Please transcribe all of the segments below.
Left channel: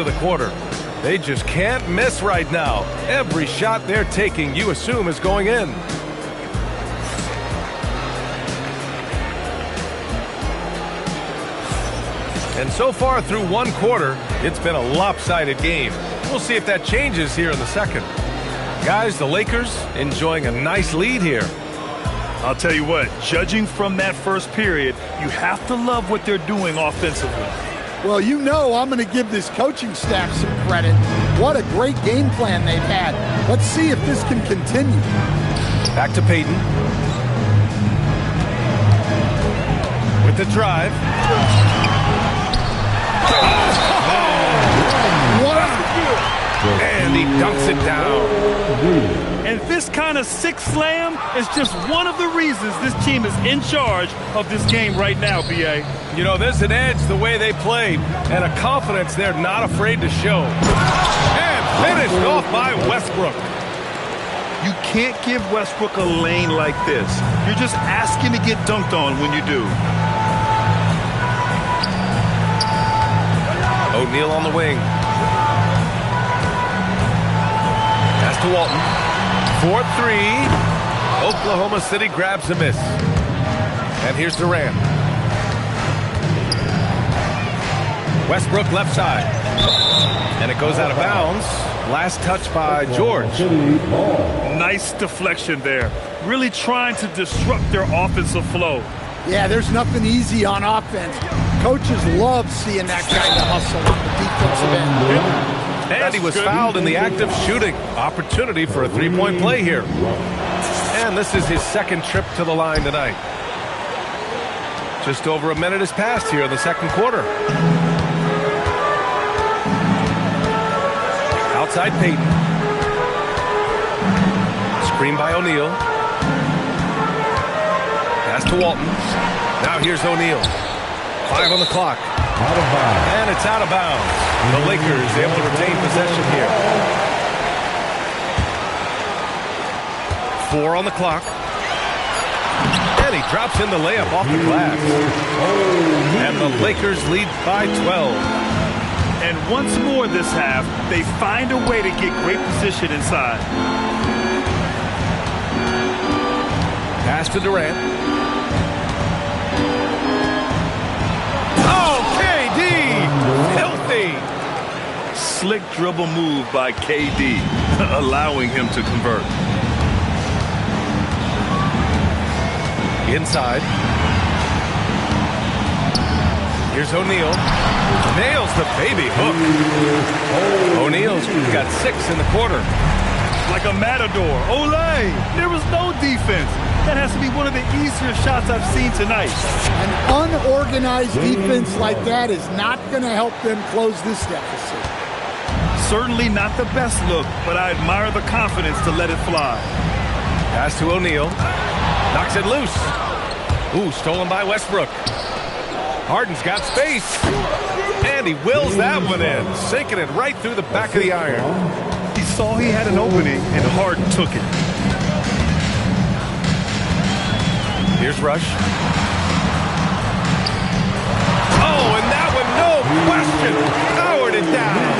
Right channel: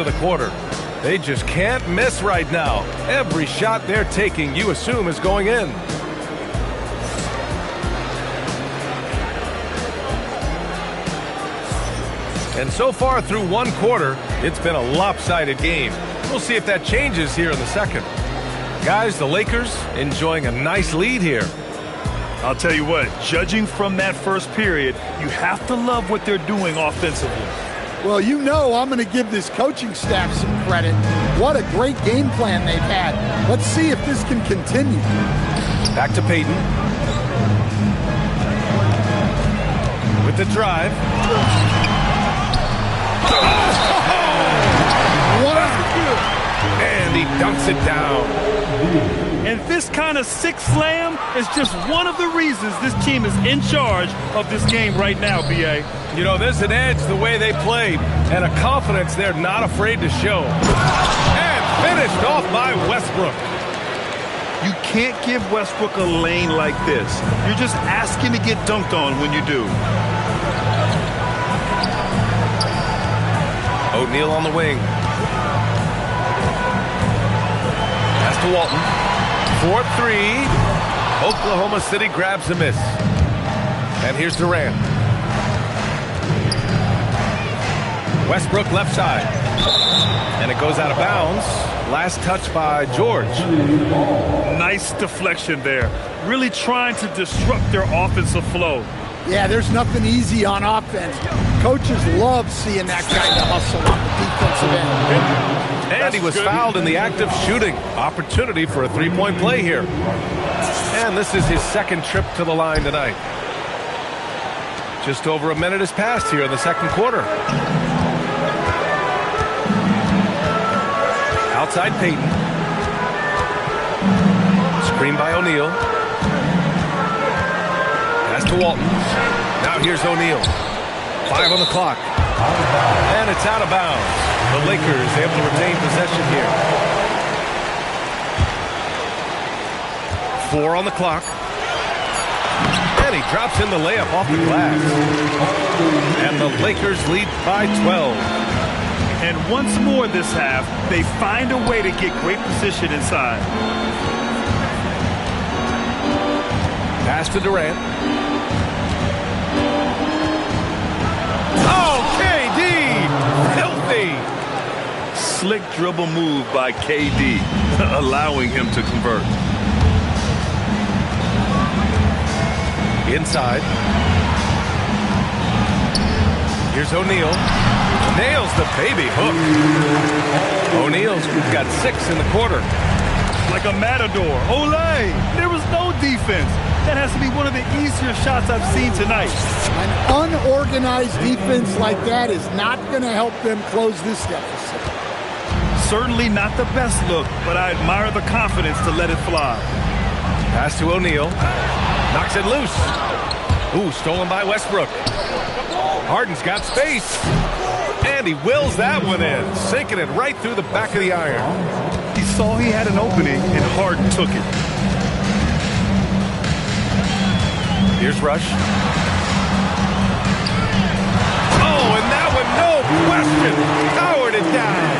into the quarter. They just can't miss right now. Every shot they're taking, you assume, is going in. And so far through one quarter, it's been a lopsided game. We'll see if that changes here in the second. Guys, the Lakers enjoying a nice lead here. I'll tell you what, judging from that first period, you have to love what they're doing offensively. Well, you know I'm going to give this coaching staff some credit. What a great game plan they've had. Let's see if this can continue. Back to Payton. With the drive. Wow. And he dunks it down. And this kind of sick slam is just one of the reasons this team is in charge of this game right now, B.A. You know, there's an edge the way they play and a confidence they're not afraid to show. And finished off by Westbrook. You can't give Westbrook a lane like this. You're just asking to get dunked on when you do. O'Neal on the wing. Pass to Walton. 4-3. Oklahoma City grabs a miss. And here's Durant. Westbrook left side. And it goes out of bounds. Last touch by George. Nice deflection there. Really trying to disrupt their offensive flow. Yeah, there's nothing easy on offense. Coaches love seeing that kind of hustle on the defensive end. And he was fouled in the act of shooting. Opportunity for a three-point play here. And this is his second trip to the line tonight. Just over a minute has passed here in the second quarter. Outside Payton. Screen by O'Neal. Pass to Walton. Now here's O'Neal. 5 on the clock. And it's out of bounds. The Lakers able to retain possession here. 4 on the clock. And he drops in the layup off the glass. And the Lakers lead by 12. And once more this half, they find a way to get great position inside. Pass to Durant. Oh, KD! Filthy! Slick dribble move by KD, allowing him to convert. Inside. Here's O'Neal. Nails the baby hook. O'Neal's got 6 in the quarter. Like a matador. Olay! There was no defense. That has to be one of the easier shots I've seen tonight. An unorganized defense like that is not going to help them close this deficit. Certainly not the best look, but I admire the confidence to let it fly. Pass to O'Neal. Knocks it loose. Ooh, stolen by Westbrook. Harden's got space. And he wills that one in, sinking it right through the back of the iron. He saw he had an opening, and Harden took it. Here's Rush. Oh, and that one, no question, powered it down.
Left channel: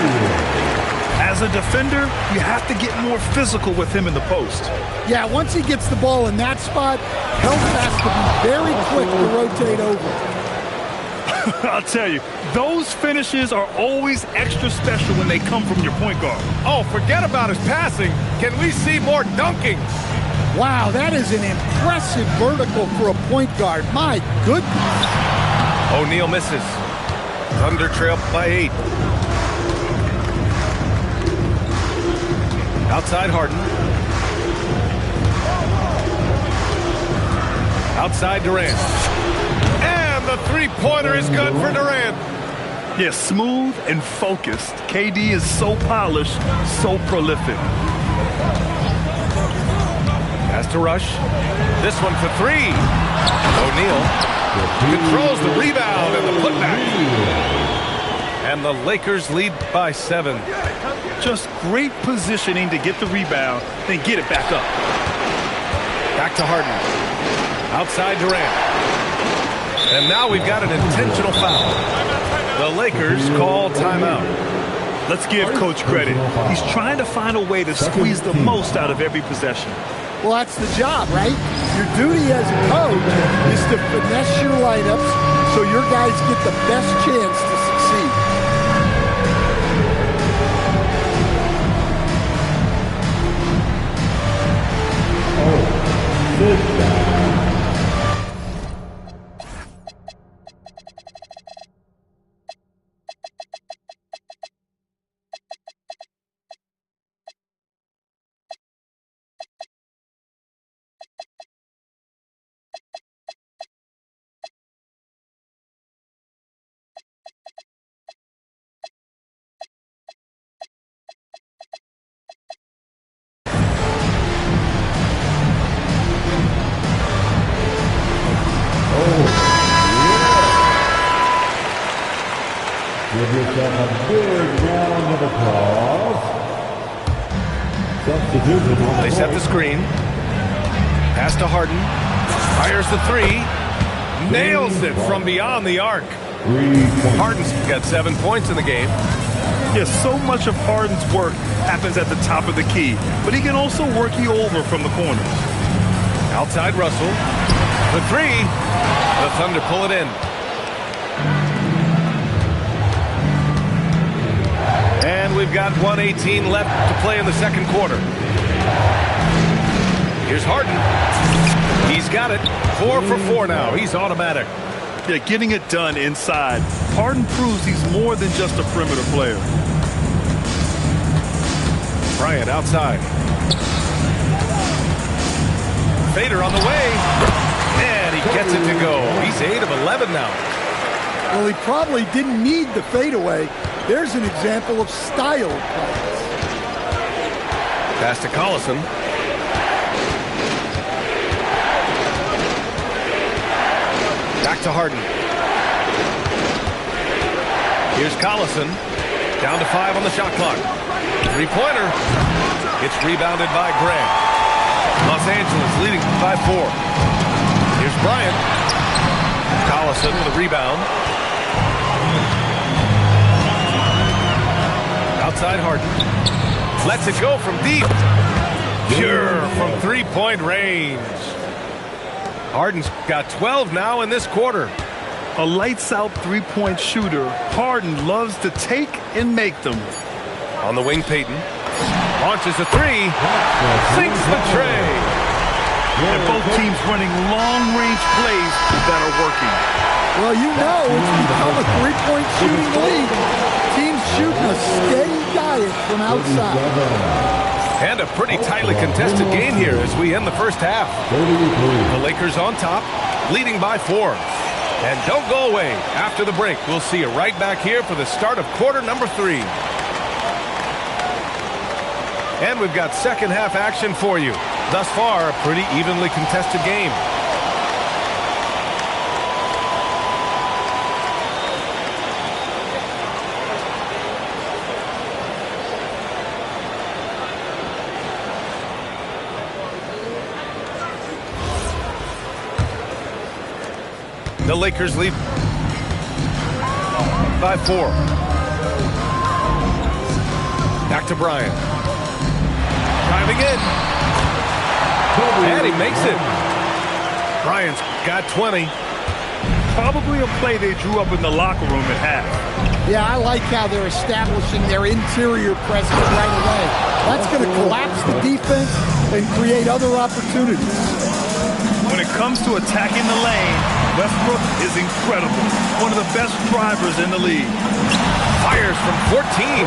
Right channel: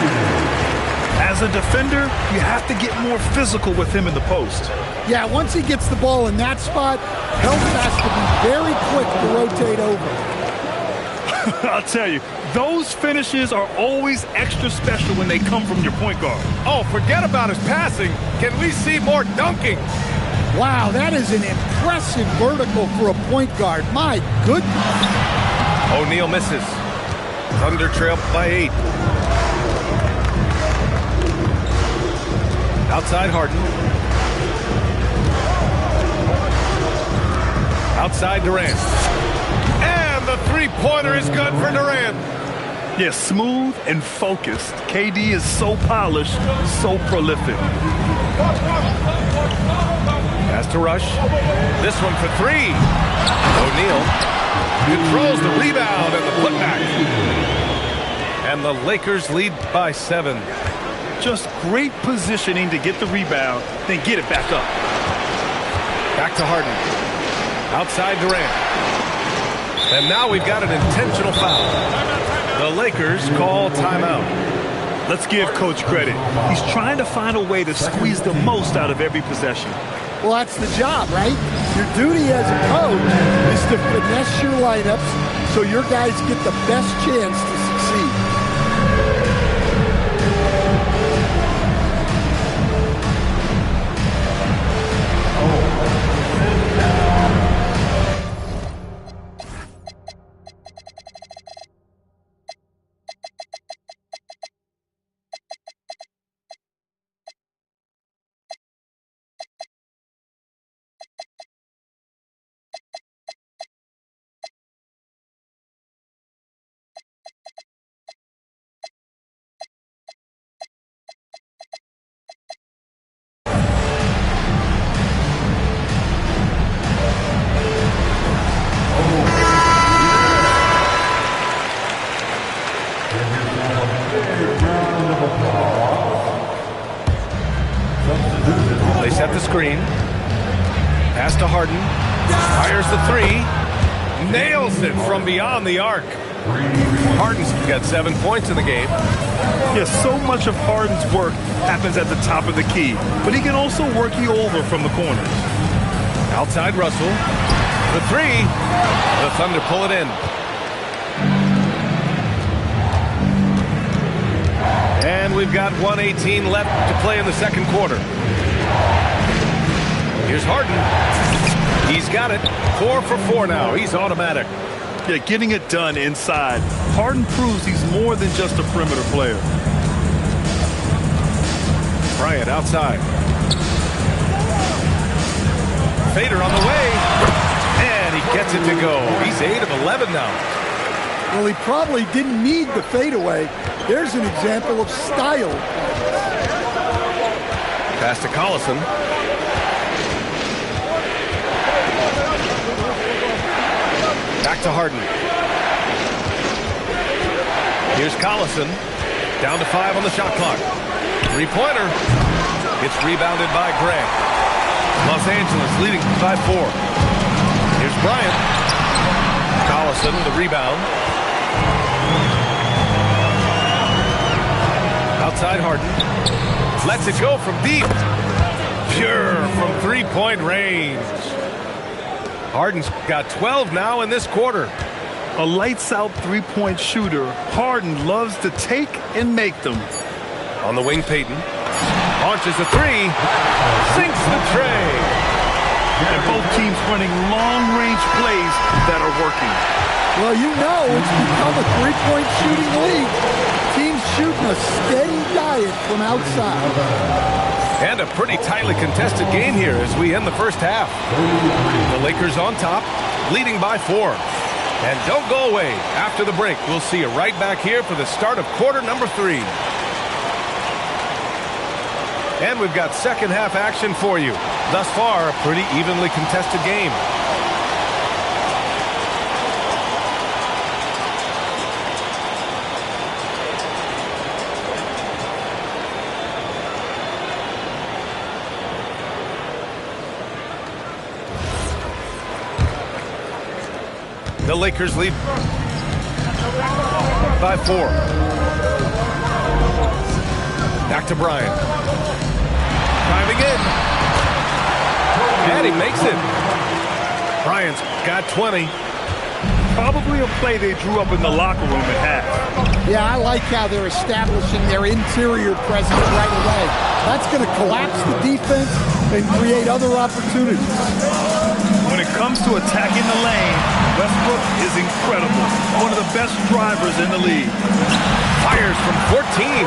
As a defender, you have to get more physical with him in the post. Yeah, once he gets the ball in that spot, Help has to be very quick to rotate over. I'll tell you, those finishes are always extra special when they come from your point guard. Oh, forget about his passing. Can we see more dunking? Wow, that is an impressive vertical for a point guard. My goodness. O'Neal misses. Thunder trail by 8. Outside Harden. Outside Durant. And the three-pointer is good for Durant. Yeah, smooth and focused. KD is so polished, so prolific. Pass to Rush. This one for 3. O'Neal controls the rebound and the putback. And the Lakers lead by 7. Just great positioning to get the rebound, then get it back up. Back to Harden. Outside Durant. And now we've got an intentional foul. The Lakers call timeout. Let's give Coach credit. He's trying to find a way to squeeze the most out of every possession. Well, that's the job, right? Your duty as a coach is to finesse your lineups so your guys get the best chance to succeed. They set the screen. Pass to Harden. Fires the three. Nails it from beyond the arc. Harden's got 7 points in the game. Yes, so much of Harden's work happens at the top of the key, but he can also work you over from the corners. Outside Russell. The three. The Thunder pull it in. And we've got 1:18 left to play in the second quarter. Here's Harden. He's got it. 4 for 4 now. He's automatic. Yeah, getting it done inside. Harden proves he's more than just a perimeter player. Bryant outside. Fader on the way. And he gets it to go. He's 8 of 11 now. Well, he probably didn't need the fadeaway. There's an example of style plays. Pass to Collison. Back to Harden. Here's Collison. Down to 5 on the shot clock. Three-pointer. It's rebounded by Grant. Los Angeles leading by 4. Here's Bryant. Collison with a rebound. Outside Harden. Lets it go from deep. Pure from three-point range. Harden's got 12 now in this quarter. A lights-out three-point shooter, Harden loves to take and make them. On the wing, Payton. Launches a three. Sinks the tray. And both teams running long-range plays that are working. Well, you know it's become a three-point shooting league. Teams shooting a steady diet from outside. And a pretty tightly contested game here as we end the first half. The Lakers on top, leading by 4. And don't go away. After the break, we'll see you right back here for the start of quarter number 3. And we've got second half action for you. Thus far, a pretty evenly contested game. The Lakers lead by 4. Back to Bryant. Driving in. And he makes it. Bryant's got 20. Probably a play they drew up in the locker room at half. Yeah, I like how they're establishing their interior presence right away. That's going to collapse the defense and create other opportunities. When it comes to attacking the lane, Westbrook is incredible. One of the best drivers in the league. Fires from 14.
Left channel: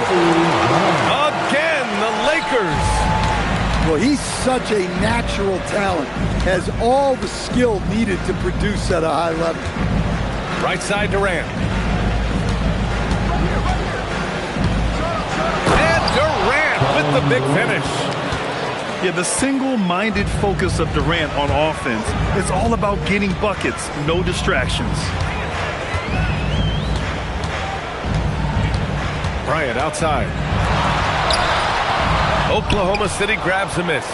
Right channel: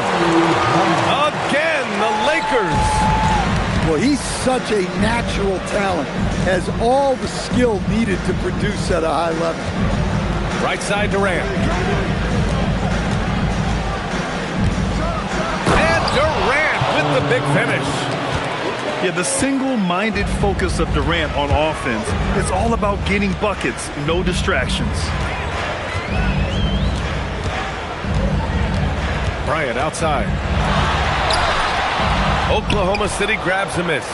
Again, the Lakers. Well, he's such a natural talent. Has all the skill needed to produce at a high level. Right side Durant. And Durant with the big finish. Yeah, the single-minded focus of Durant on offense is all about getting buckets, no distractions. Bryant outside. Oklahoma City grabs a miss.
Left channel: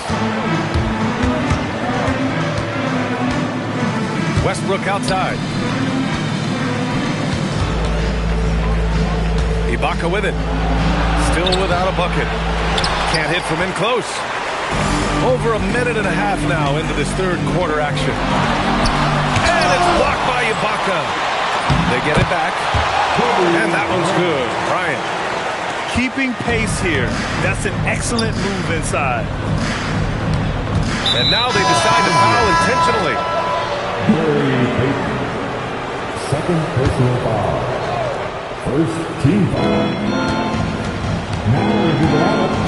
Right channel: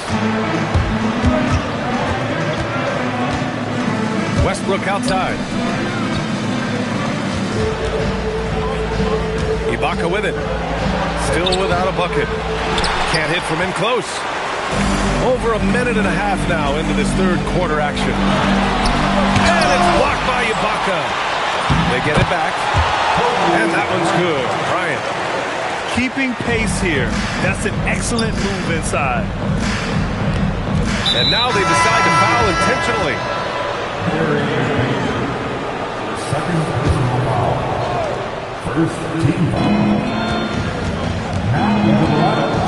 Westbrook outside. Ibaka with it. still without a bucket. Can't hit from in close. Over a minute and a half now into this third quarter action. And it's blocked by Ibaka. They get it back. And that one's good. Bryant. Keeping pace here. That's an excellent move inside. And now they decide to foul intentionally. Second personal foul. First team foul.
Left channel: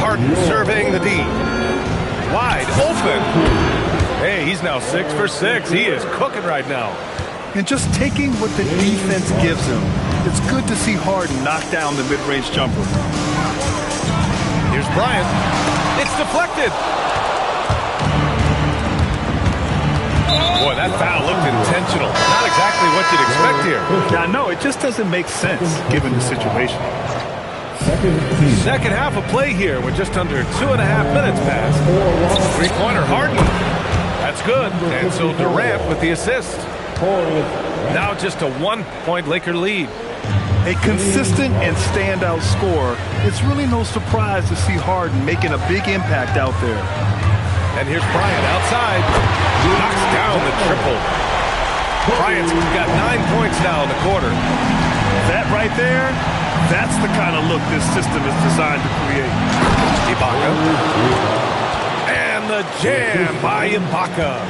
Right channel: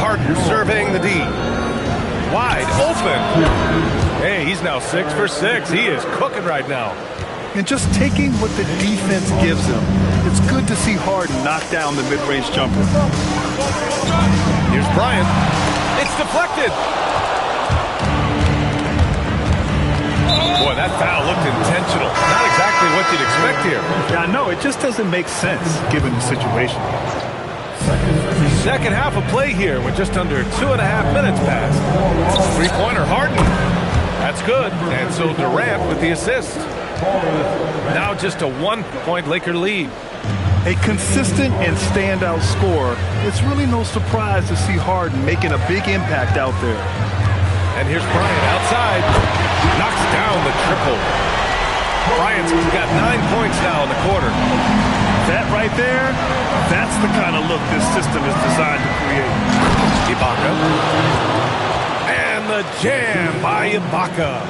Harden surveying the D. Wide open. Hey, he's now 6 for 6. He is cooking right now. And just taking what the defense gives him. It's good to see Harden knock down the mid-range jumper. Here's Bryant. It's deflected. Boy, that foul looked intentional. Not exactly what you'd expect here. Yeah, I know. It just doesn't make sense given the situation. Second half of play here with just under 2.5 minutes passed. Three-pointer Harden. That's good. And so Durant with the assist. Now just a 1-point Laker lead. A consistent and standout scorer. It's really no surprise to see Harden making a big impact out there. And here's Bryant outside. Knocks down the triple. Bryant's got 9 points now in the quarter. That right there, that's the kind of look this system is designed to create. Ibaka. And the jam by Ibaka.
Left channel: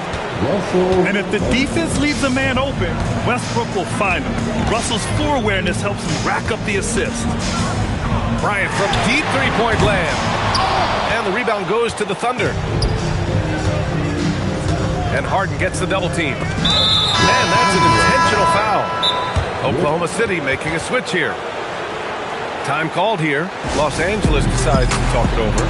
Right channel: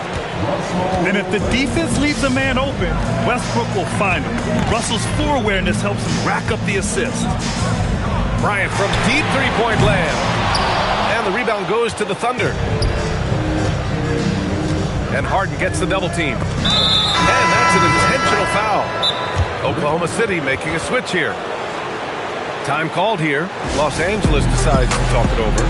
And if the defense leaves a man open, Westbrook will find him. Russell's floor awareness helps him rack up the assist. Bryant from deep three-point land. And the rebound goes to the Thunder. And Harden gets the double team. And that's an intentional foul. Oklahoma City making a switch here. Time called here. Los Angeles decides to talk it over.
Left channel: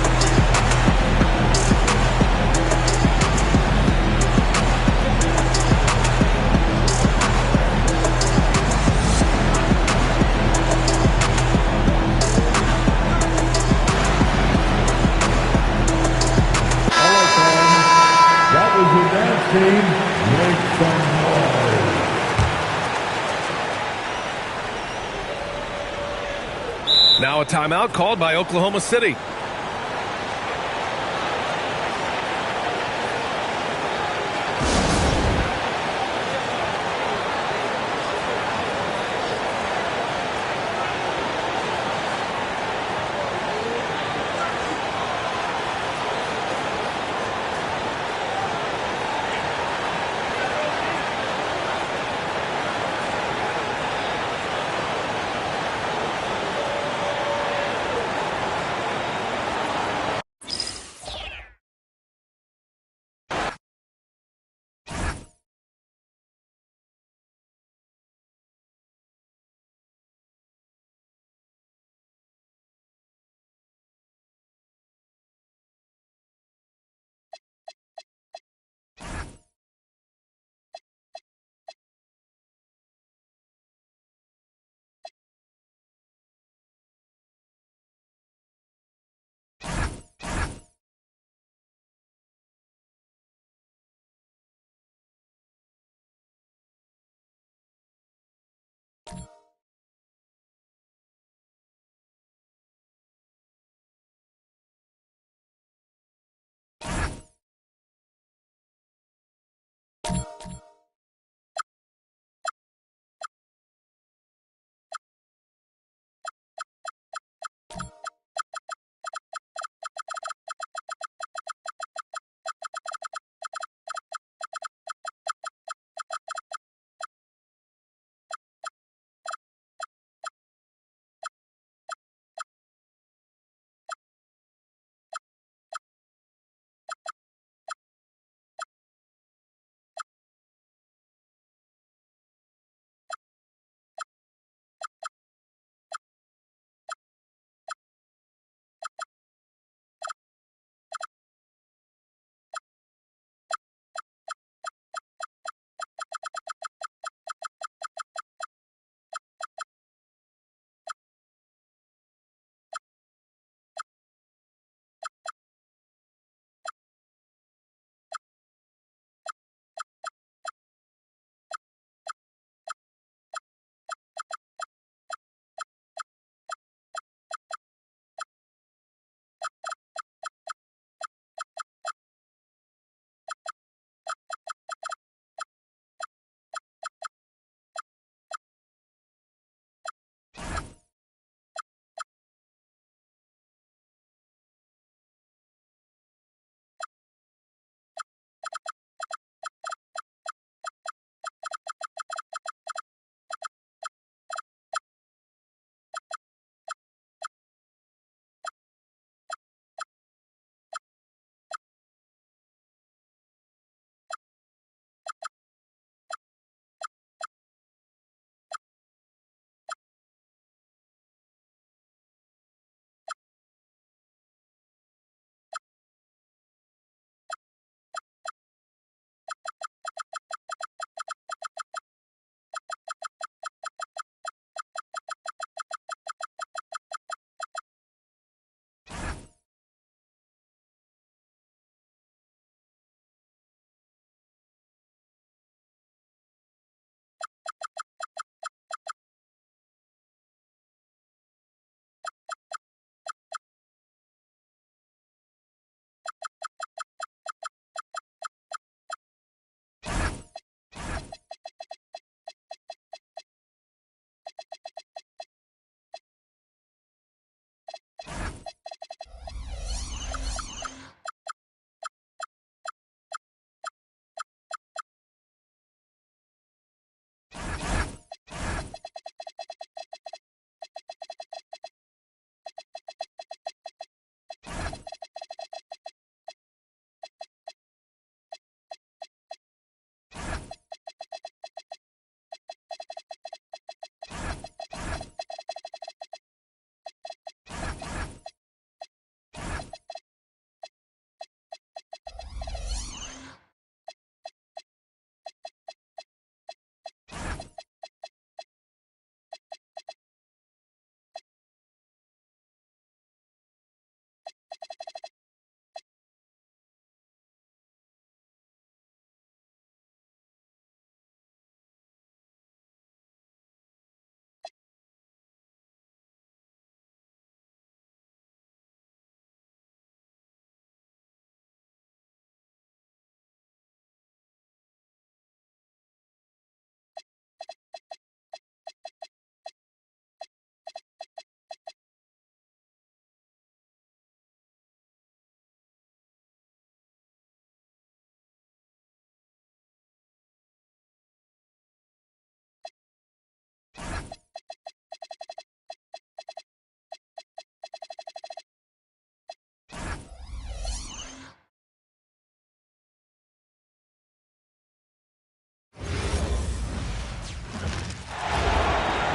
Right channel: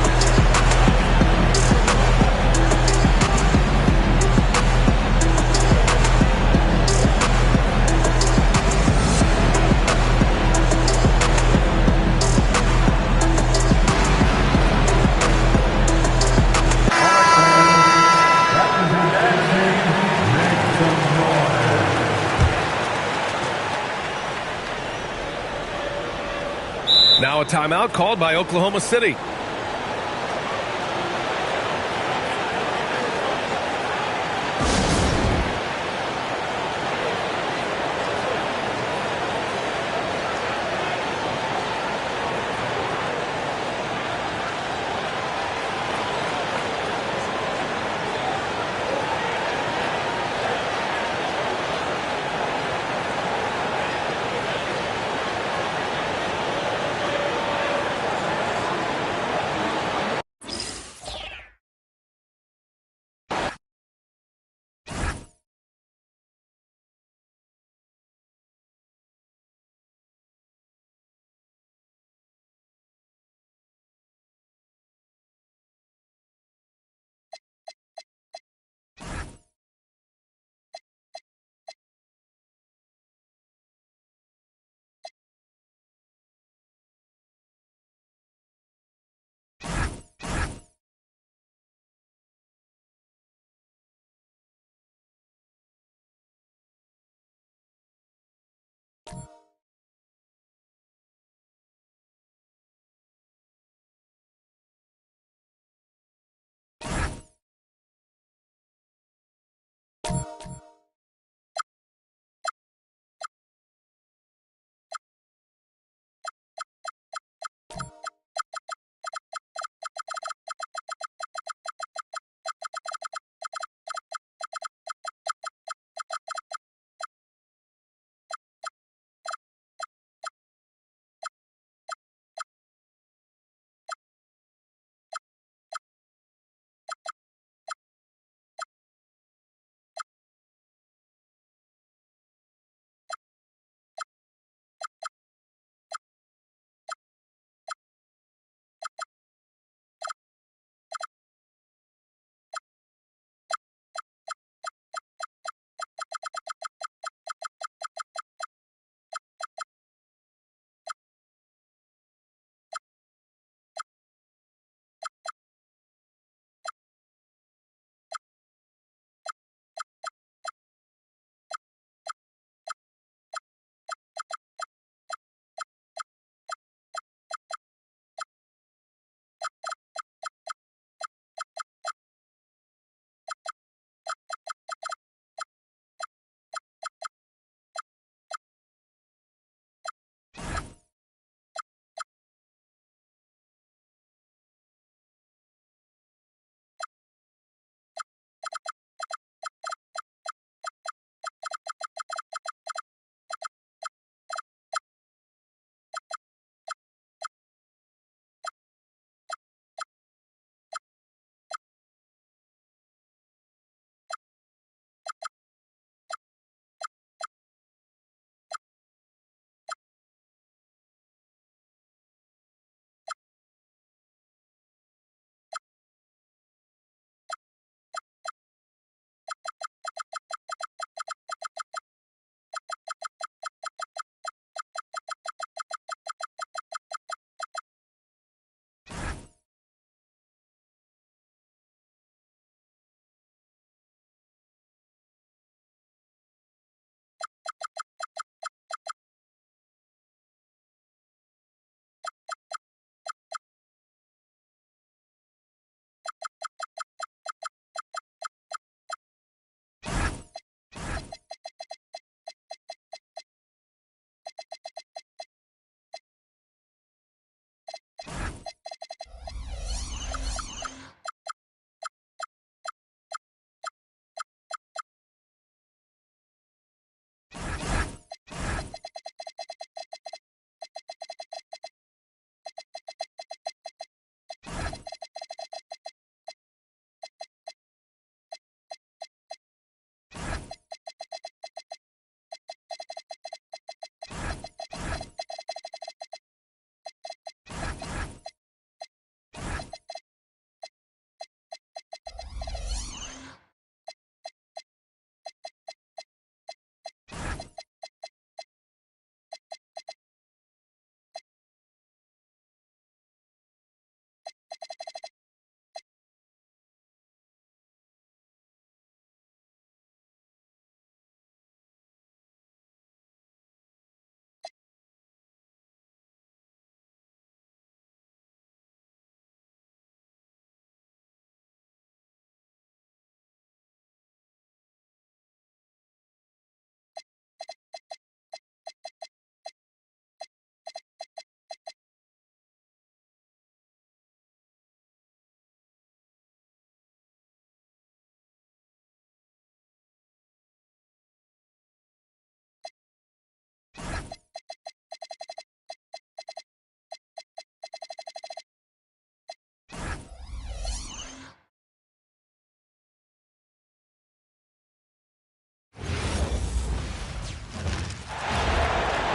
Now a timeout called by Oklahoma City.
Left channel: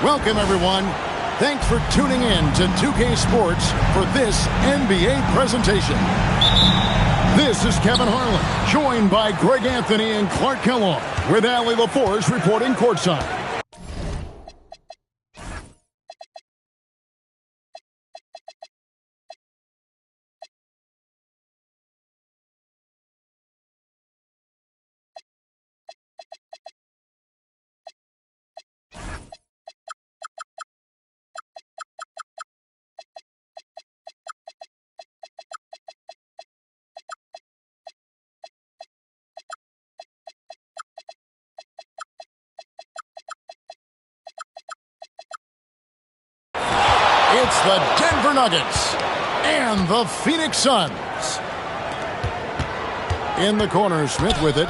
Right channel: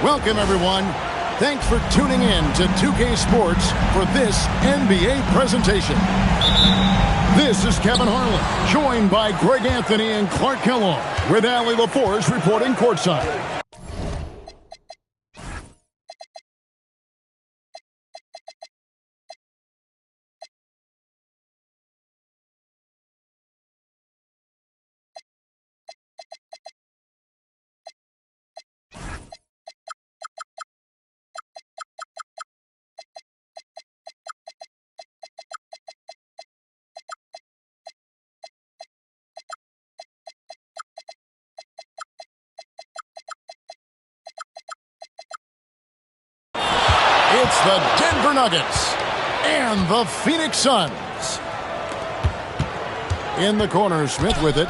Welcome, everyone. Thanks for tuning in to 2K Sports for this NBA presentation. This is Kevin Harlan, joined by Greg Anthony and Clark Kellogg, with Allie LaForce reporting courtside. It's the Denver Nuggets and the Phoenix Suns. In the corner, Smith with it.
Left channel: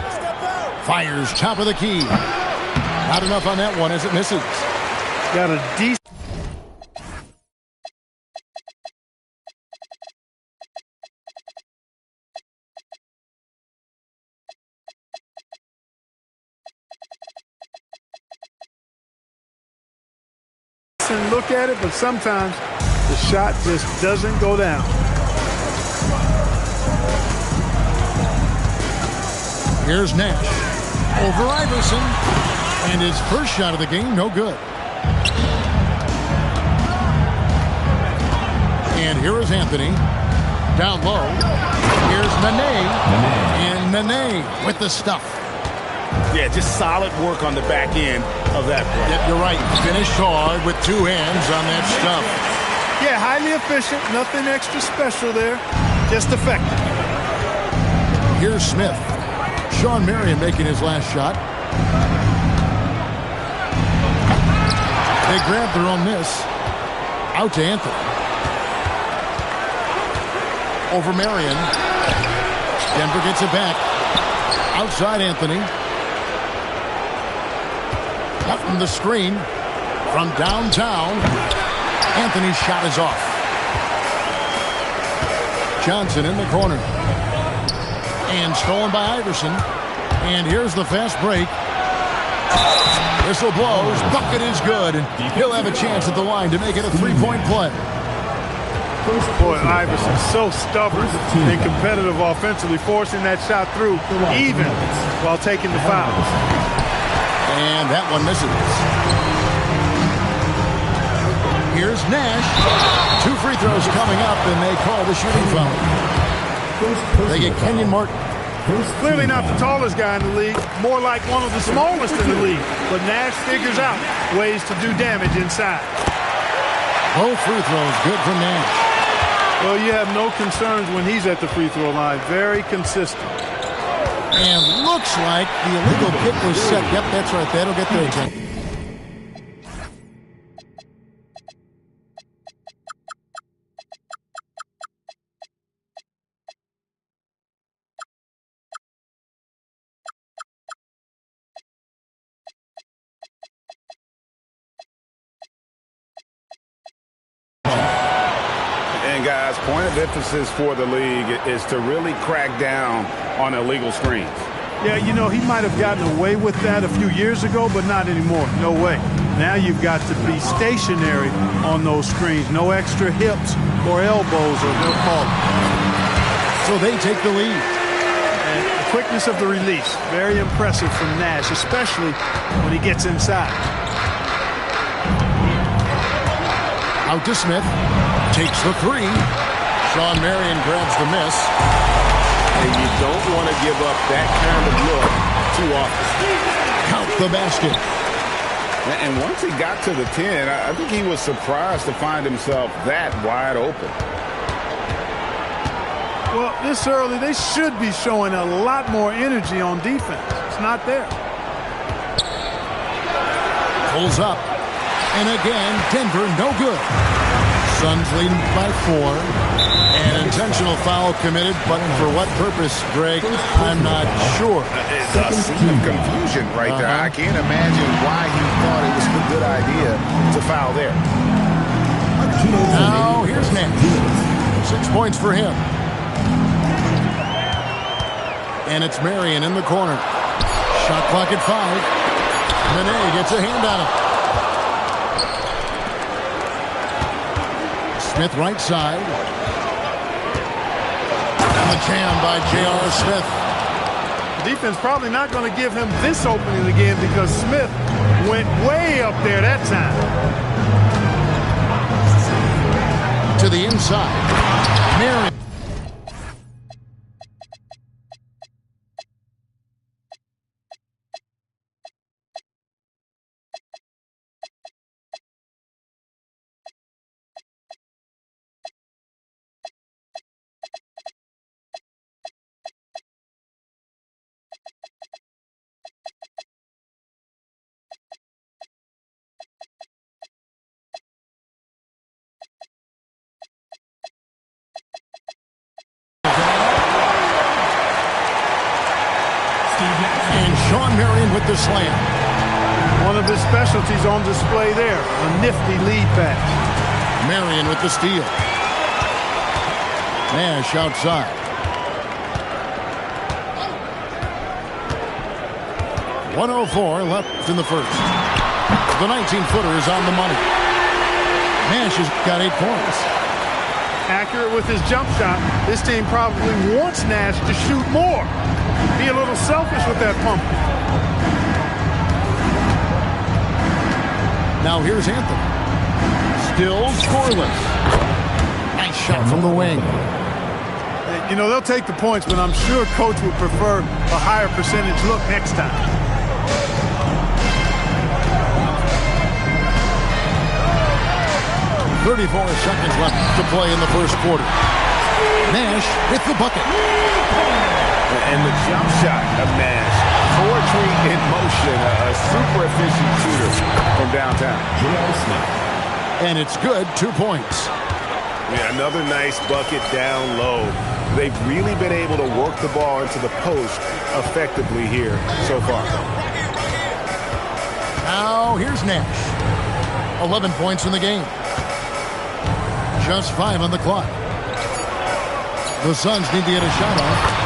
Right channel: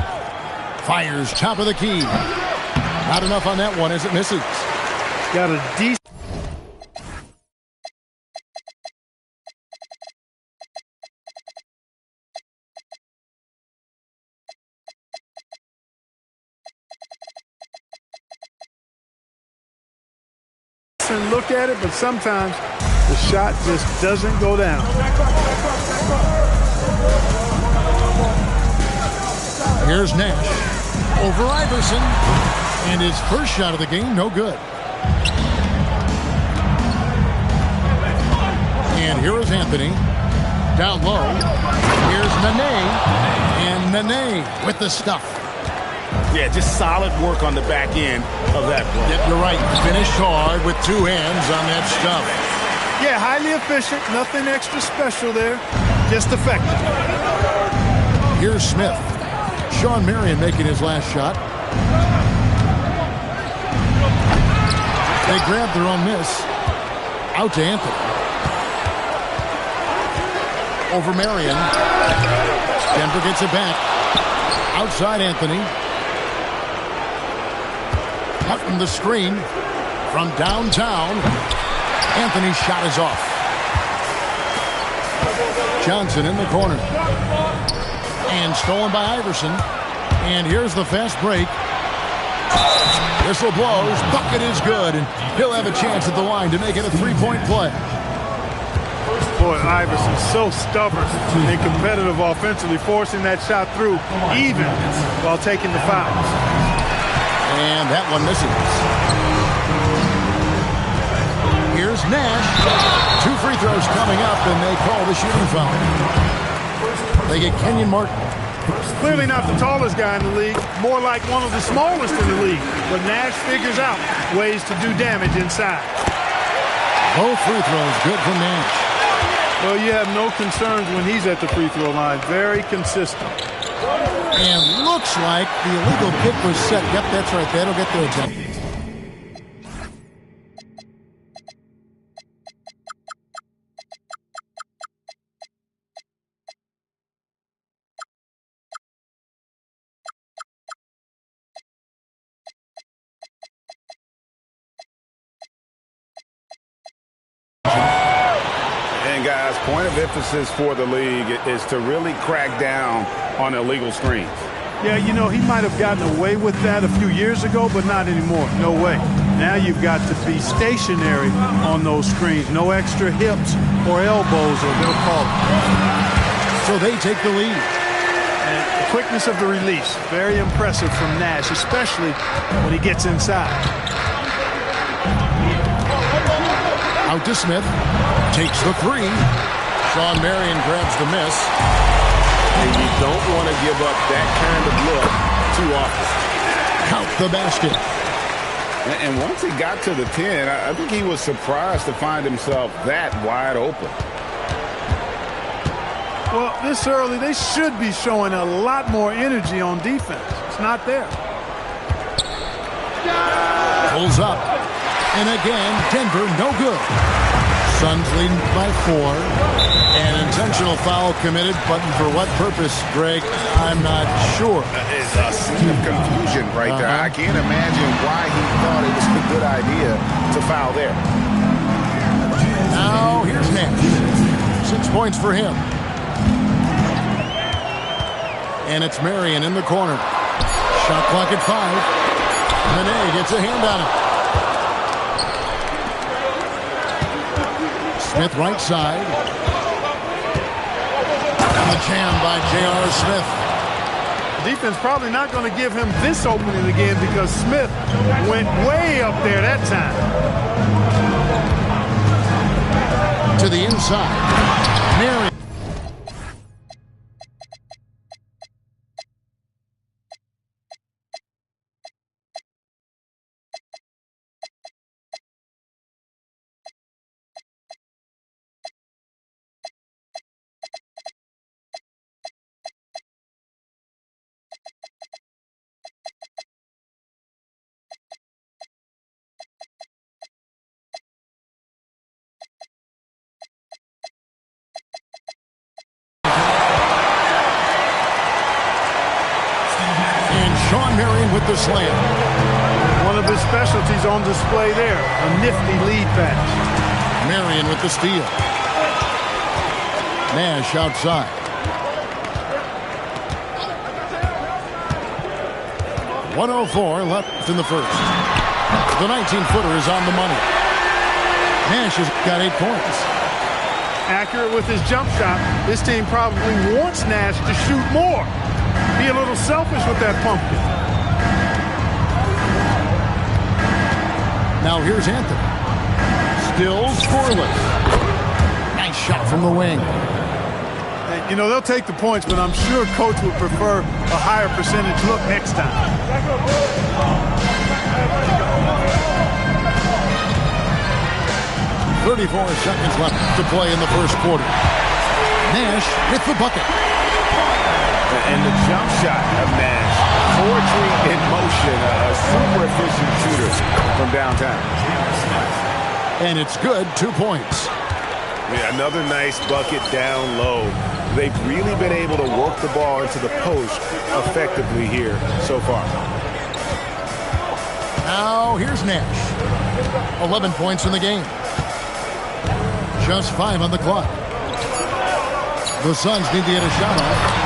Fires top of the key. Not enough on that one as it misses. Got a decent... and look at it, but sometimes the shot just doesn't go down. Here's Nash over Iverson, and his first shot of the game, no good. And here is Anthony down low. Here's Nene, and Nene with the stuff. Yeah, just solid work on the back end of that play. Yep, you're right. Finished hard with two hands on that stuff. Yeah, highly efficient. Nothing extra special there. Just effective. Here's Smith. Sean Marion making his last shot. They grab their own miss. Out to Anthony. Over Marion. Denver gets it back. Outside Anthony. Out from the screen. From downtown. Anthony's shot is off. Johnson in the corner. And stolen by Iverson. And here's the fast break. Whistle blows. Bucket is good. And he'll have a chance at the line to make it a three-point play. Boy, Iverson's so stubborn and competitive offensively, forcing that shot through even while taking the foul. And that one misses. Here's Nash. 2 free throws coming up, and they call the shooting foul. They get Kenyon Martin. Clearly not the tallest guy in the league, more like one of the smallest in the league. But Nash figures out ways to do damage inside. Both free throws good from Nash. Well, you have no concerns when he's at the free throw line. Very consistent. And looks like the illegal kick was set. Yep, that's right. That'll get their attention. And guys, point of emphasis for the league is to really crack down on illegal screens. Yeah, you know, he might have gotten away with that a few years ago, but not anymore. No way. Now you've got to be stationary on those screens. No extra hips or elbows, or they'll call it. So they take the lead. And the quickness of the release, very impressive from Nash, especially when he gets inside. Out to Smith. Takes the three. Sean Marion grabs the miss. And you don't want to give up that kind of look too often. Count the basket. And once he got to the 10, I think he was surprised to find himself that wide open. Well, this early, they should be showing a lot more energy on defense. It's not there. Pulls up. And again, Denver no good. Suns leading by 4. An intentional foul committed, but for what purpose, Greg? I'm not sure. It's a scene of confusion right there. I can't imagine why he thought it was a good idea to foul there. Now, here's Nash. 6 points for him. And it's Marion in the corner. Shot clock at 5. Nene gets a hand on it. Smith right side. And the jam by J.R. Smith. Defense probably not going to give him this opening again because Smith went way up there that time. To the inside. Marion. And Shawn Marion with the slam. One of his specialties on display there, a nifty lead pass. Marion with the steal. Nash outside. .104 left in the first. The 19-footer is on the money. Nash has got 8 points. Accurate with his jump shot. This team probably wants Nash to shoot more. Be a little selfish with that pumpkin. Now here's Anthony. Still scoreless. Nice shot from the wing. You know, they'll take the points, but I'm sure coach would prefer a higher percentage look next time. .34 seconds left to play in the first quarter. Nash with the bucket. And the jump shot of Nash. Poetry in motion. A super efficient shooter from downtown. And it's good. 2 points. Yeah, another nice bucket down low. They've really been able to work the ball into the post effectively here so far. Now here's Nash. 11 points in the game. Just 5 on the clock. The Suns need to get a shot off.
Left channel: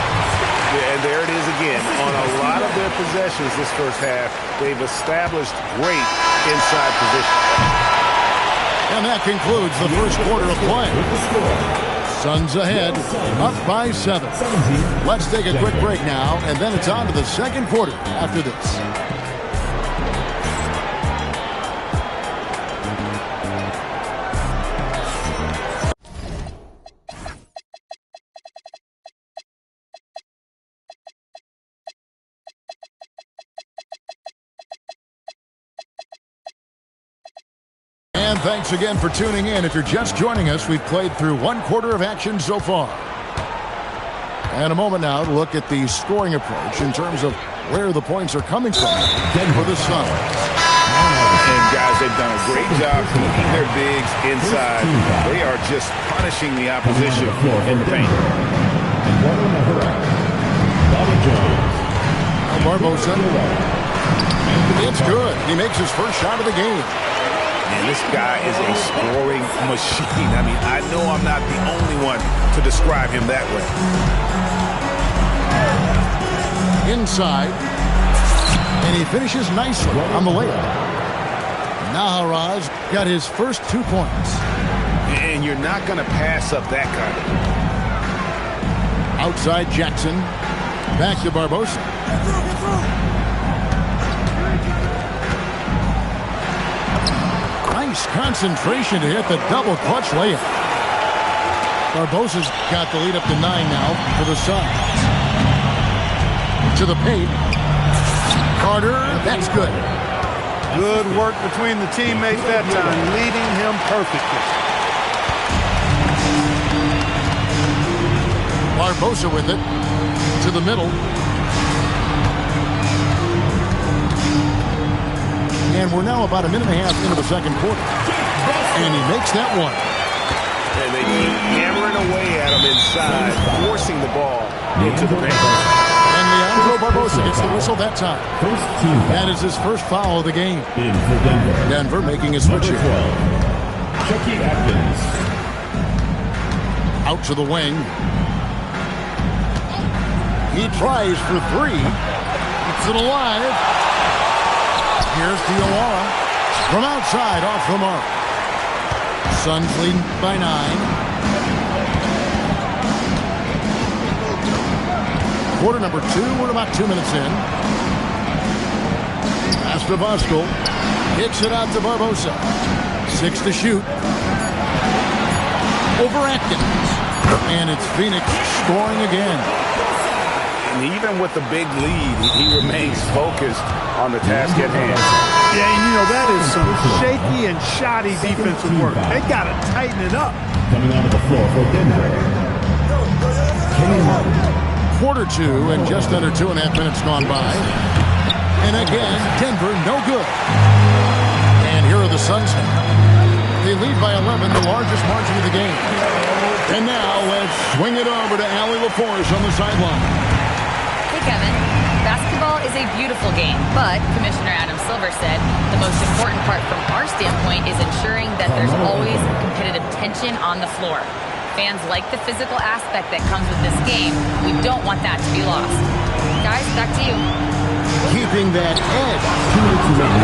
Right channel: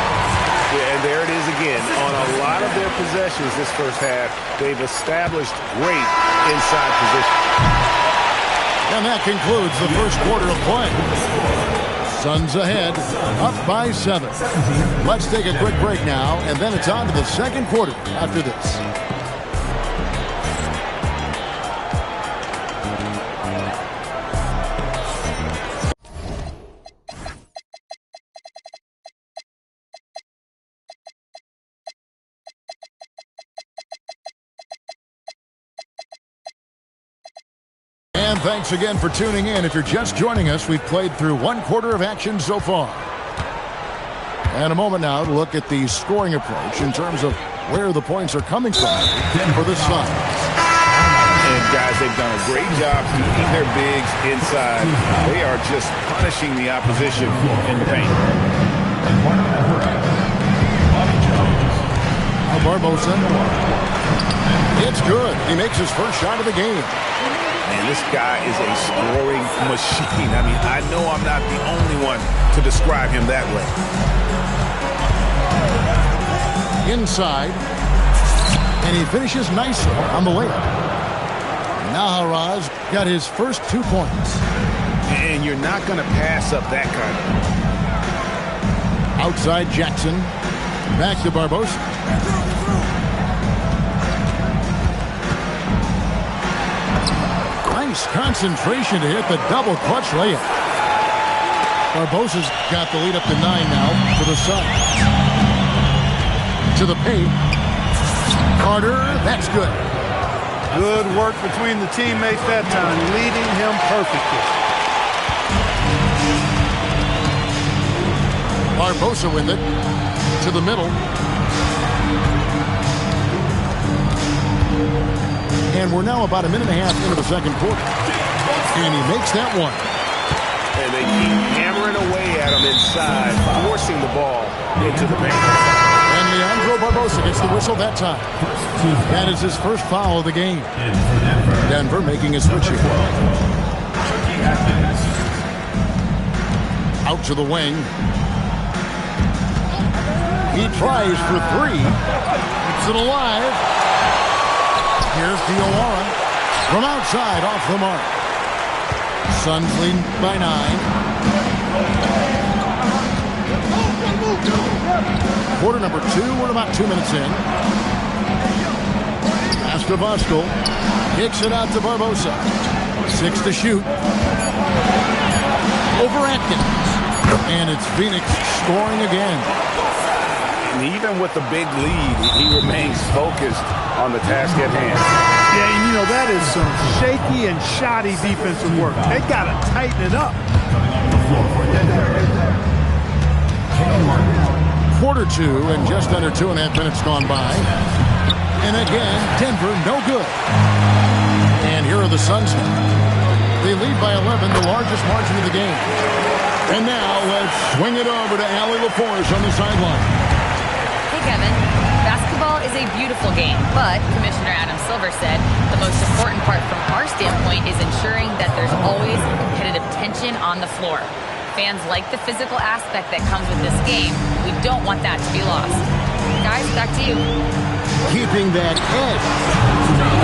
Yeah, and there it is again. On a lot of their possessions this first half, they've established great inside position. And that concludes the first quarter of play. Suns ahead, up by 7. Let's take a quick break now, and then it's on to the second quarter after this. And thanks again for tuning in. If you're just joining us, we've played through 1 quarter of action so far. And a moment now to look at the scoring approach in terms of where the points are coming from for the Suns. And guys, they've done a great job feeding their bigs inside. They are just punishing the opposition in the paint. Now Barbosa. It's good. He makes his first shot of the game. Man, this guy is a scoring machine. I mean, I know I'm not the only one to describe him that way. Inside. And he finishes nicely on the layup. Naharaz got his first 2 points. And you're not going to pass up that kind of. Outside Jackson. Back to Barbosa. Nice concentration to hit the double clutch layup. Barbosa's got the lead up to 9 now for the Suns. To the paint. Carter, that's good. Good work between the teammates that time, leading him perfectly. Barbosa with it. To the middle. And we're now about a minute and a half into the second quarter. And he makes that one. And they keep hammering away at him inside, forcing the ball into the paint. And Leandro Barbosa gets the whistle that time. That is his first foul of the game. Denver making a switch here. Out to the wing. He tries for 3. Keeps it alive. Here's Diawara from outside off the mark. Suns leading by 9. Quarter number 2. We're about 2 minutes in. Pass to Voskuhl. Kicks it out to Barbosa. 6 to shoot. Over Atkins. And it's Phoenix scoring again. And even with the big lead, he remains focused on the task at hand. Yeah, and you know, that is some shaky and shoddy defensive work. They got to tighten it up. Coming onto the floor for Denver, Kenny Martin. Quarter 2 and just under 2.5 minutes gone by. And again, Denver no good. And here are the Suns now. They lead by 11, the largest margin of the game. And now let's swing it over to Allie LaForce on the sideline. Hey, Kevin. Basketball is a beautiful game, but Commissioner Adam Silver said the most important part from our standpoint is ensuring that there's always competitive tension on the floor. Fans like the physical aspect that comes with this game. We don't want that to be lost. Guys, back to you. Keeping that edge.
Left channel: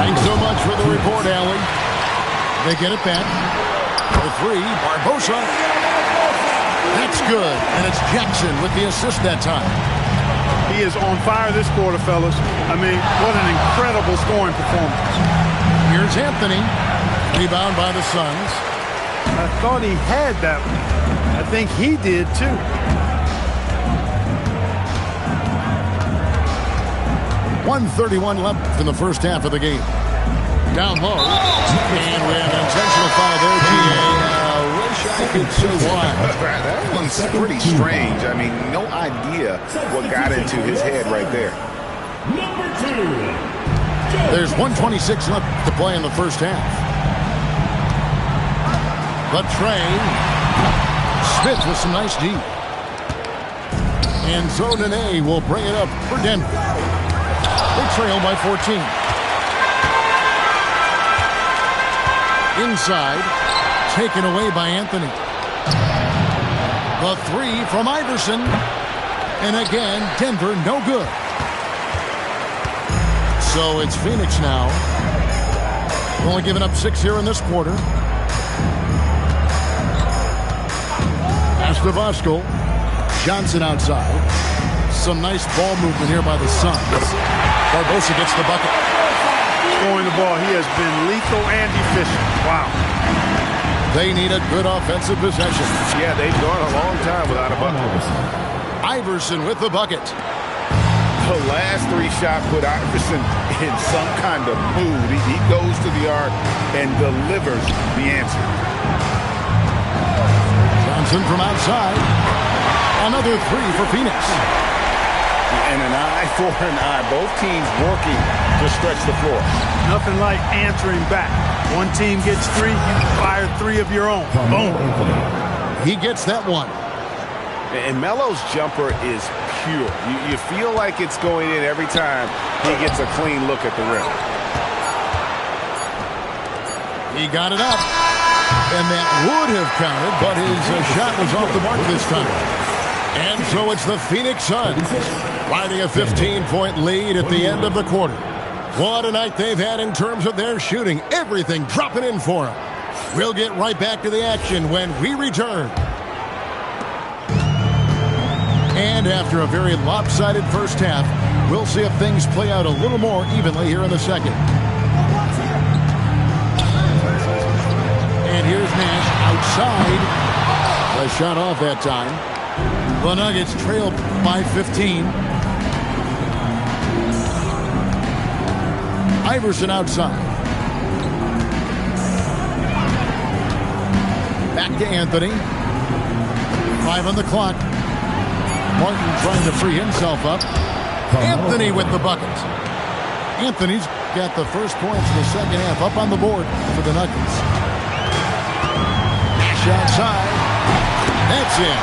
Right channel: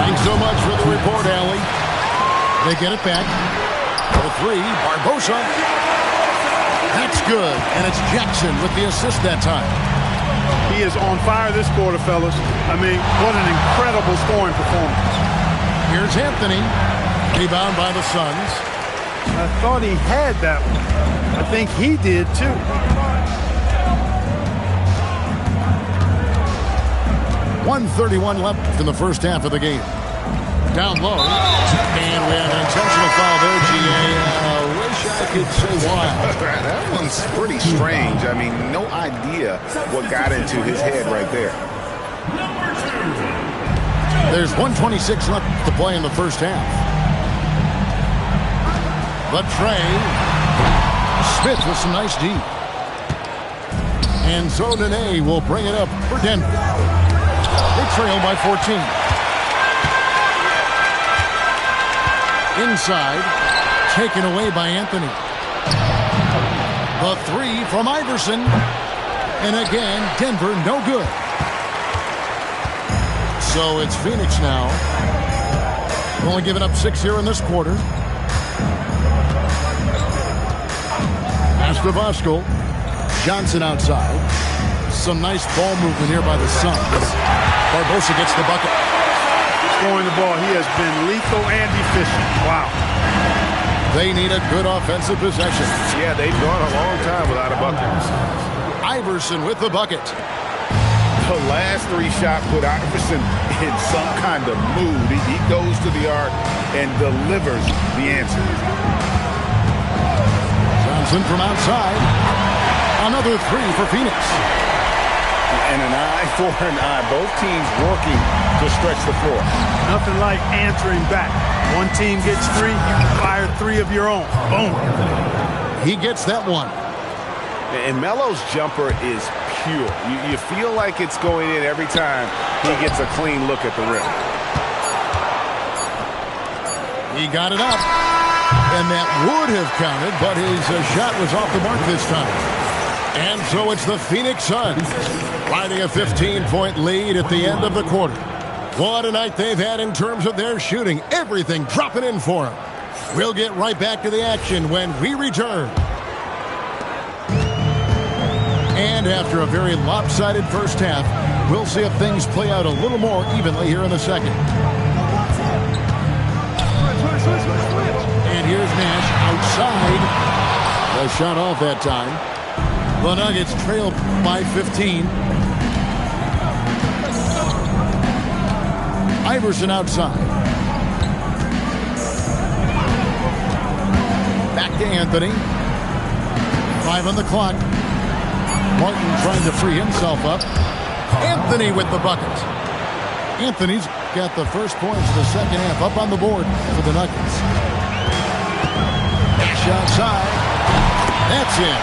Thanks so much for the report, Allie. They get it back. For 3, Barbosa. That's good, and it's Jackson with the assist that time. He is on fire this quarter, fellas. I mean, what an incredible scoring performance. Here's Anthony. Rebound by the Suns. I thought he had that one. I think he did, too. .131 left in the first half of the game. Down low. And we have an intentional foul there, G.A. Wish I could say why. That one's pretty strange. I mean, no idea what got into his head right there. There's 1:26 left to play in the first half. The tray. Smith with some nice D. And so Nene will bring it up for Denver. They trail by 14. Inside, taken away by Anthony. The 3 from Iverson. And again, Denver no good. So it's Phoenix now. Only giving up 6 here in this quarter. Pass to Voskuhl. Johnson outside. Some nice ball movement here by the Suns. Barbosa gets the bucket. Scoring the ball, he has been lethal and efficient. Wow. They need a good offensive possession. Yeah, they've gone a long time without a bucket. Iverson with the bucket. The last 3 shots put Iverson in some kind of mood. He goes to the arc and delivers the answer. Johnson from outside. Another 3 for Phoenix. And an eye for an eye. Both teams working to stretch the floor. Nothing like answering back. One team gets 3, you fire 3 of your own. Boom. He gets that one. And Melo's jumper is pure. You feel like it's going in every time he gets a clean look at the rim. He got it up. And that would have counted, but his shot was off the mark this time. And so it's the Phoenix Suns riding a 15-point lead at the end of the quarter. What a night they've had in terms of their shooting. Everything dropping in for them. We'll get right back to the action when we return. And after a very lopsided first half, we'll see if things play out a little more evenly here in the second. And here's Nash outside. The shot off that time. The Nuggets trail by 15. Iverson outside. Back to Anthony. 5 on the clock. Martin trying to free himself up. Anthony with the bucket. Anthony's got the first points of the second half up on the board for the Nuggets. Nash outside. That's in.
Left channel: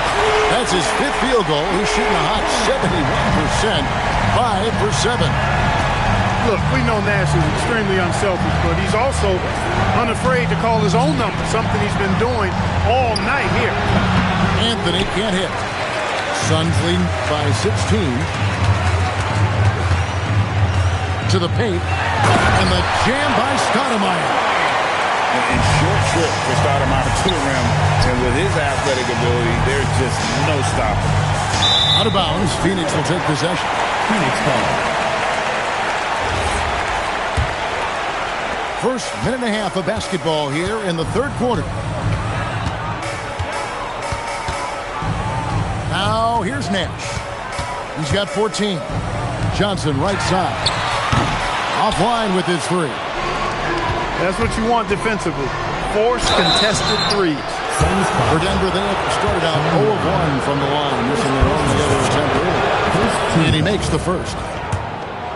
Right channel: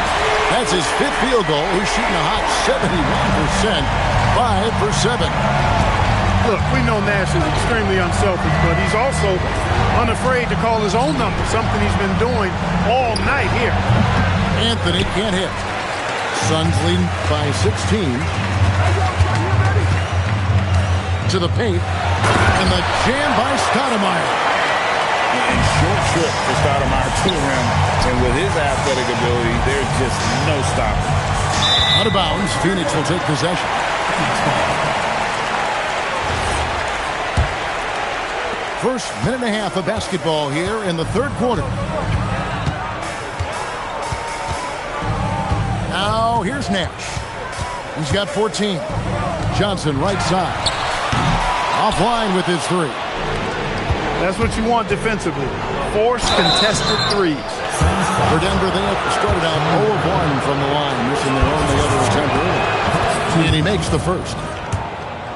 That's his 5th field goal. He's shooting a hot 71%. 5 for 7. Look, we know Nash is extremely unselfish, but he's also unafraid to call his own number, something he's been doing all night here. Anthony can't hit. Suns leading by 16. To the paint. And the jam by Stoudemire. And short trip for Stoudemire to the rim. And with his athletic ability, there's just no stopping. Out of bounds, Phoenix will take possession. Phoenix ball. First minute and a half of basketball here in the third quarter. Now here's Nash. He's got 14. Johnson right side. Offline with his three. That's what you want defensively. Force contested threes. For Denver, they have started out 0 of 1 from the line, missing their only other attempt early. And he makes the first.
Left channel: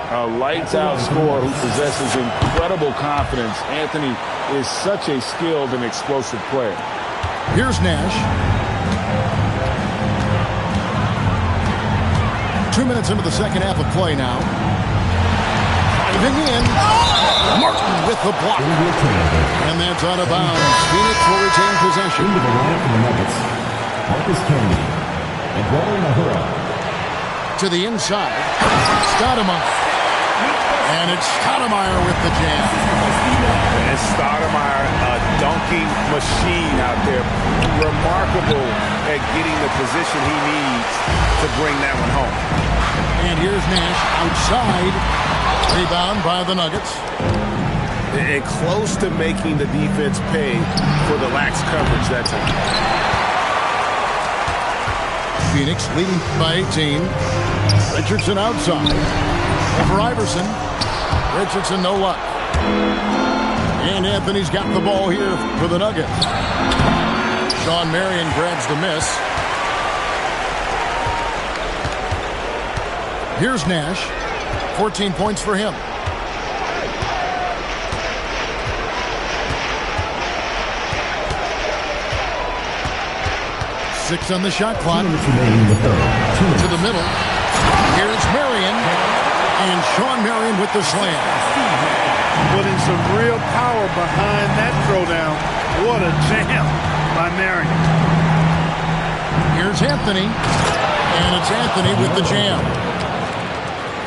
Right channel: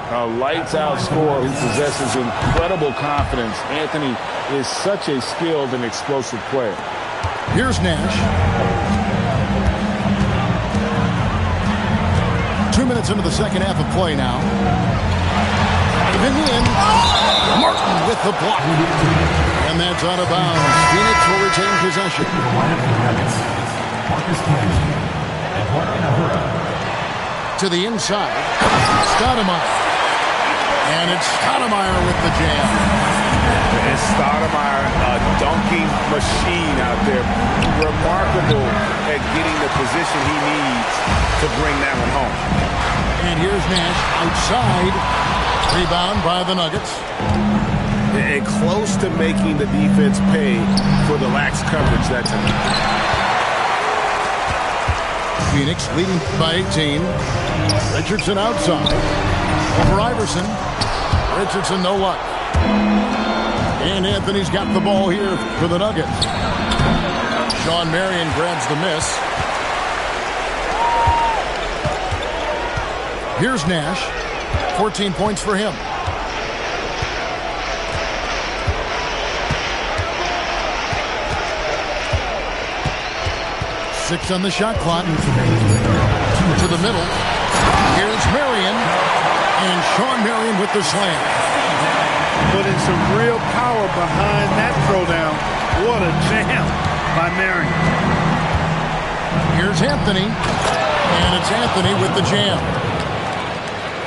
A lights-out scorer who possesses incredible confidence. Anthony is such a skilled and explosive player. Here's Nash. 2 minutes into the second half of play now. Driving in. Martin with the block. And that's out of bounds. Phoenix will retain possession. Into the lineup for the Nuggets. Marcus Camby. Eduardo Nahura. To the inside. Stoudemire. And it's Stoudemire with the jam. And Stoudemire, a dunking machine out there. Remarkable at getting the position he needs to bring that one home. And here's Nash outside. Rebound by the Nuggets. And close to making the defense pay for the lax coverage that time. Phoenix leading by 18. Richardson outside. Over Iverson. Richardson, no luck. And Anthony's got the ball here for the Nuggets. Shawn Marion grabs the miss. Here's Nash. 14 points for him. Six on the shot clock. To the middle. Here's Marion. And Shawn Marion with the slam. Putting some real power behind that throwdown. What a jam by Marion. Here's Anthony. And it's Anthony with the jam.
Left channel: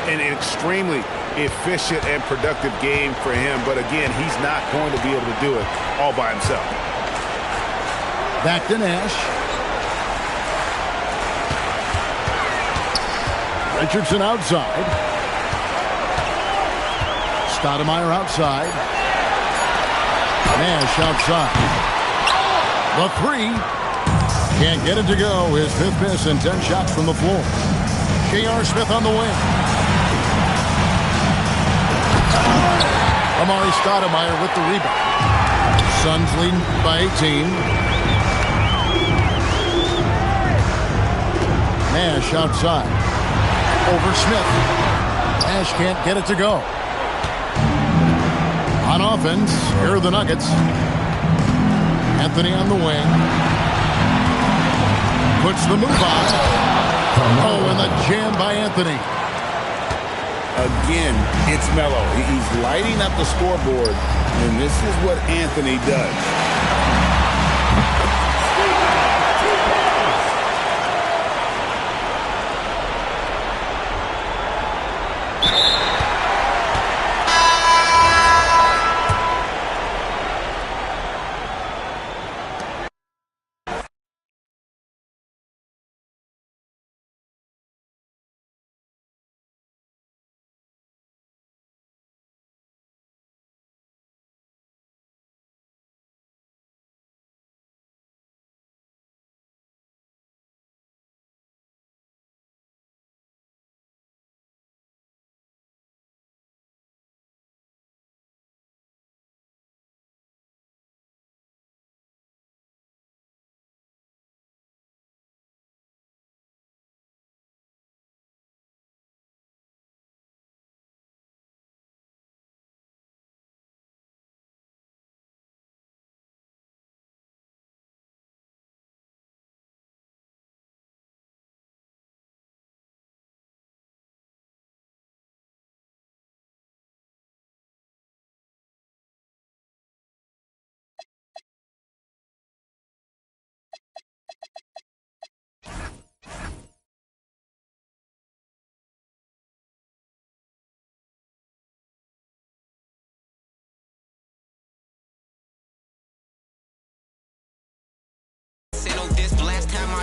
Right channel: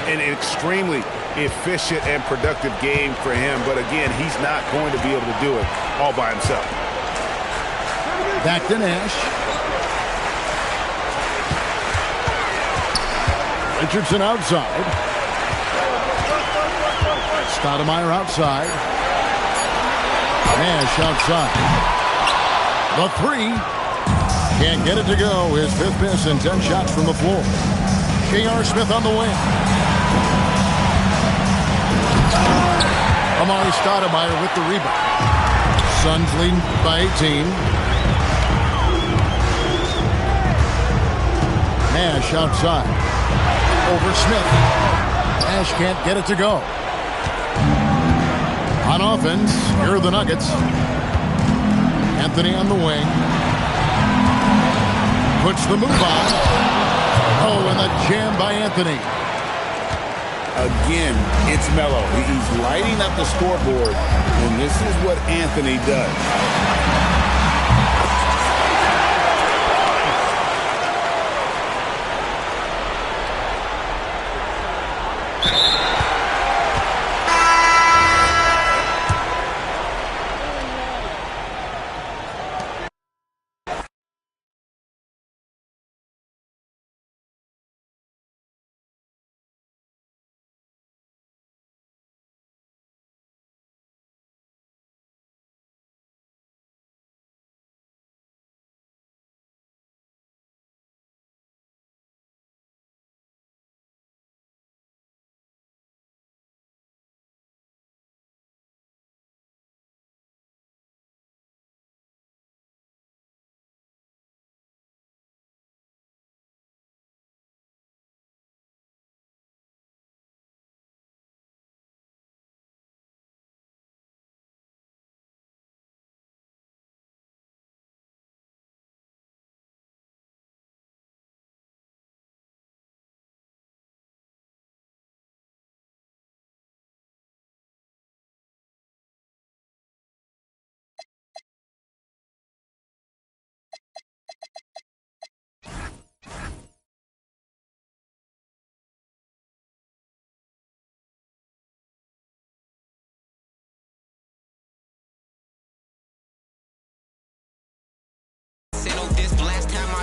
An extremely efficient and productive game for him. But again, he's not going to be able to do it all by himself. Back to Nash. Richardson outside. Stoudemire outside. Nash outside. The three. Can't get it to go. His fifth miss and 10 shots from the floor. J.R. Smith on the wing. Amari Stoudemire with the rebound. Suns leading by 18. Nash outside. Over Smith. Nash can't get it to go. On offense, here are the Nuggets. Anthony on the wing. Puts the move on. Oh, and the jam by Anthony. Again, it's Melo. He's lighting up the scoreboard, and this is what Anthony does.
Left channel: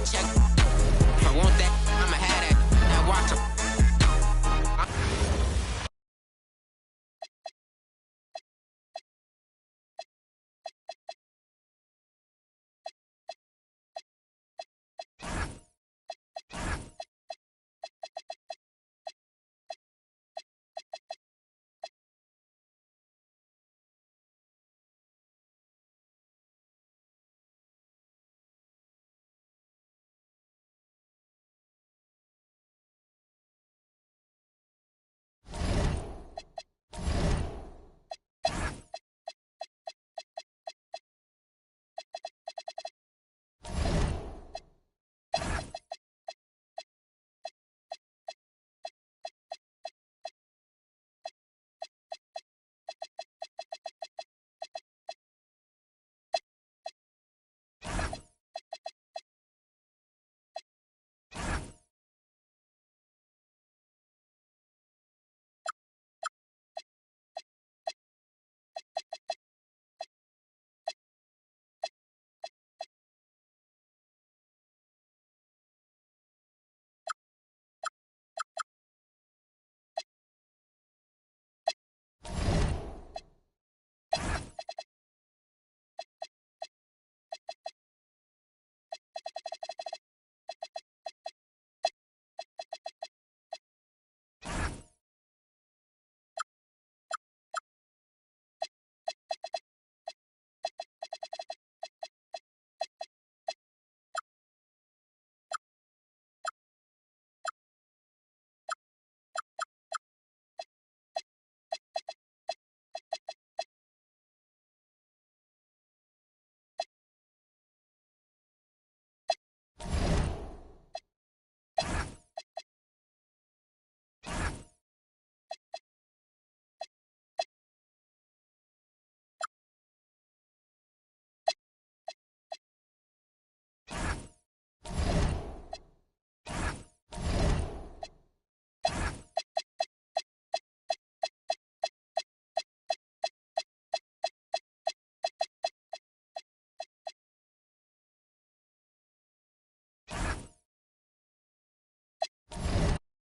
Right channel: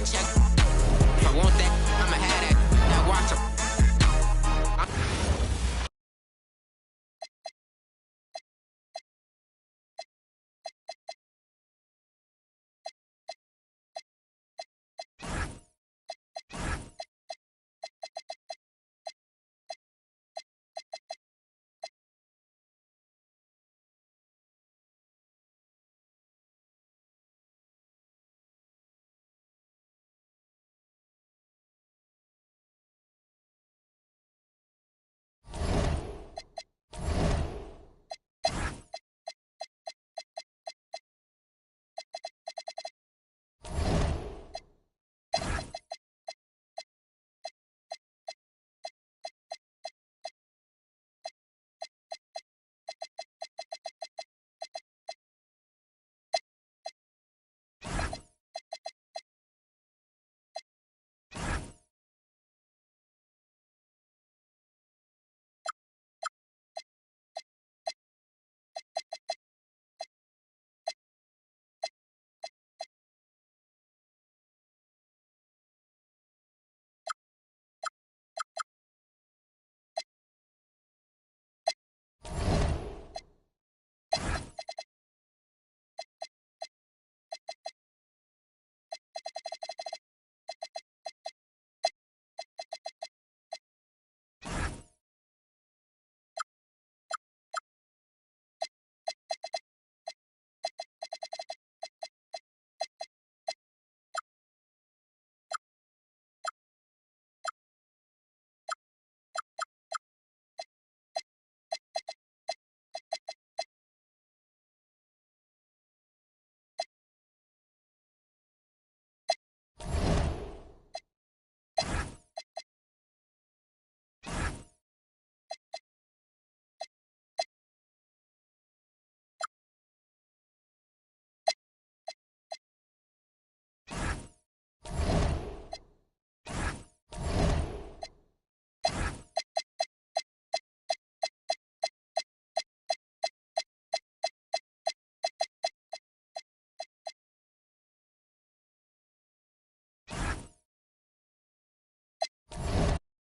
check. If I want that.